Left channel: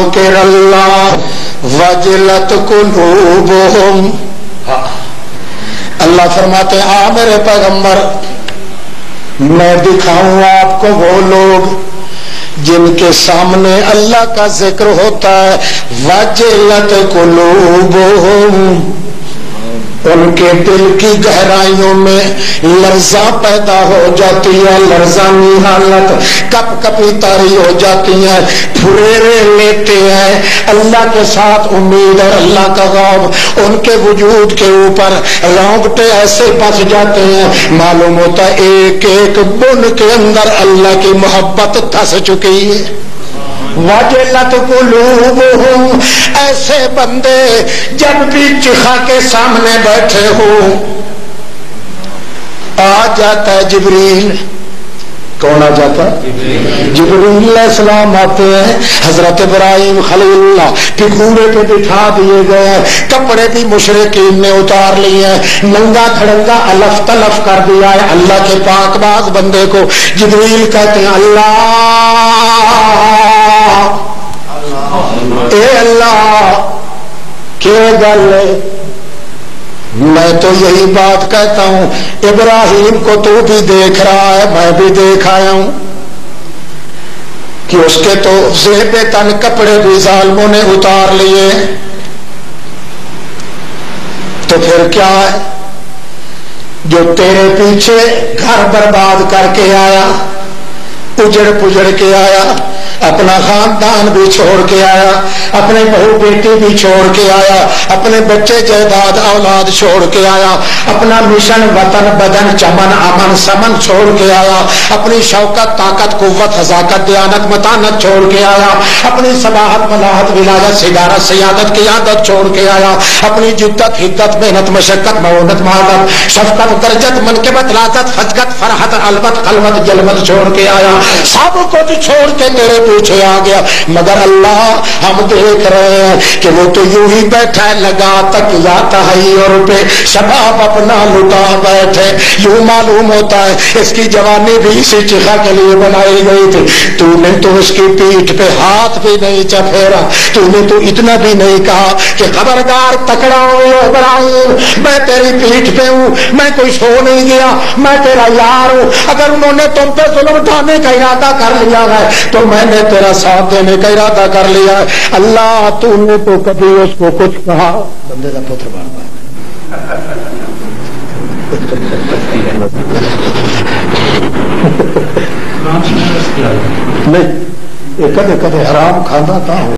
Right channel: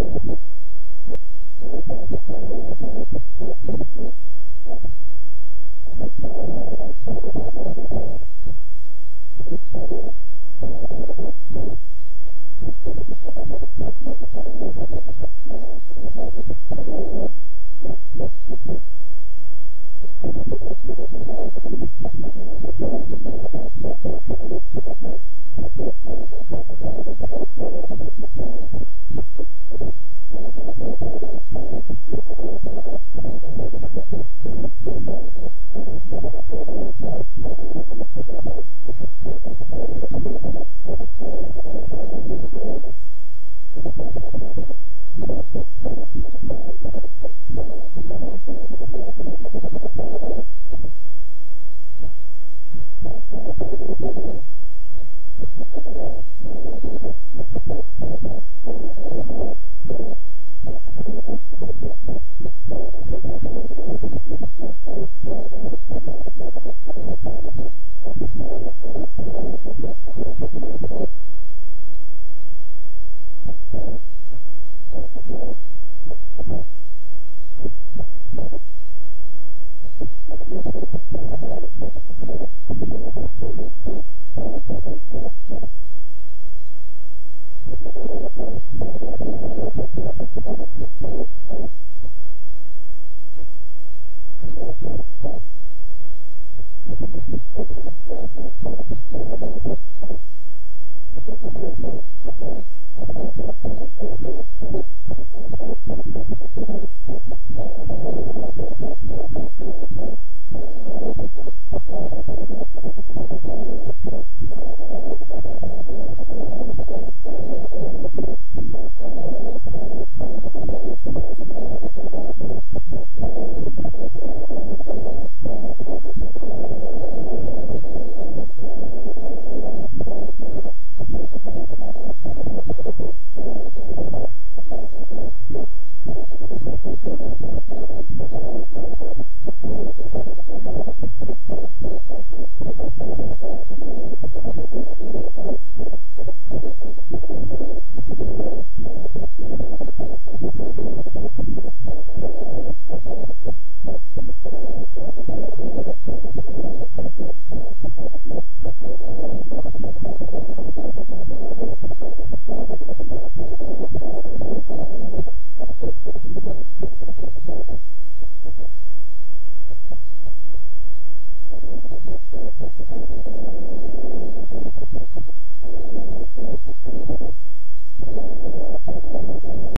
ذکر اللہ وجلت قلوبہم. اللہ فرماتے ہیں آ میرے پیغمبر میں دکھاؤں آپ کو وہ لوگ جن کے سامنے اللہ کا ذکر ہوتا ہے. وجلت قلوبہم ان کے دل کی گہرائیوں میں لرزاں پیدا ہو جاتی ہے, لرزانی حالت, کپ کپی تاری ہو جاتی ہے, پھریرے لیتے ہیں اللہ کے ساتھ امید اور اللہ کا خوف ان کے وجود کے اوپر رونگٹے ایسے بس جاتے ہیں معلوم ہوتا ہے ایک ایک بن کے اندر اللہ کی محبت دھس چکی ہے. وجلت قلوبہم ایسے بندے جب بھی چخا کے سامنے بیٹھے ہو آ جاتا ہے جبریل. کون آ جاتا ہے؟ جبریل علیہ السلام آتے ہیں. حضرت ابراہیم خلیل اللہ پھگورے پہ بٹھا دیے گئے ہیں, کپڑے بھی مشرکین نے اتار لیے ہیں, ننگا کھڑنگا الف تلف کر دیا ہے. اللہ کے پاک باز بندے کو جبریل کہتے ہیں اللہ اے اللہ کیا گل ہے. میں تو یہی بات کہتا ہوں ابراہیم کو تو بھی دیکھ رہا ہے, میں بھی دیکھ آیا ہوں کہ اس کے تو زیب تن کپڑے بھی ظالموں نے اتار لیے. تو پھر کیا ہے جو تیرے پیچھے گھر برباد کر کے آیا, اجڑ پجڑ کے آیا, اپنا خاندان بھی چھوڑ کے آیا, اپنے بہو بیٹی بھی چھوڑ کے آیا, اپنے بچے جائیداد اولاد چھوڑ کے آیا, اپنا مشن وطن بدن چمن امن سمن چھوڑ کے آیا, اپنی شوکت طاقت قوت حذاقت دیانت متانت چھوڑ کے آیا, اپنی صباحت ملاحت ولایت صدارت سیادت قیادت چھوڑ کے آیا, اپنی جدت حدت محنت مشقت معونت مہارت شفقت درجت منقبت لازت فجقت فرحت البت خلوت جلوت چھوڑ کے آیا. سب کچھ چھوڑ کے تیرے پیچھے آ گیا. مگر اللہ ہم دیکھ رہے ہیں کہ وہ تو یوں ہی بیٹھا ہے لگا تک یا تحیر پہ شباب اپنا لٹا بیٹھے. یوں معلوم ہوتا ہے اس کی جوانی بھی اسی چخا کے لیے بنائی گئی تھی. تو نے تو اس کی پیٹھ پہ ہاتھ بھی نہیں چپھیرا, تو نے تو اتنا بھی نہیں کہا کہ خبردار تکڑا ہو ابراہیم میں تیری پیٹھ پہ ہوں, میں کوئی سو نہیں گیا, میں تیرا یار ہوں. اگر انہوں نے تم پہ ظلم اٹھانے کا ارادہ کر لیا ہے تو میں نے تیرا ساتھ دینے کا ارادہ کر لیا ہے. اللہ تو نے تو کبھی اس کو کچھ کہا بندے کا پتر بار نہیں کدے کدے حرام کھانا تھا.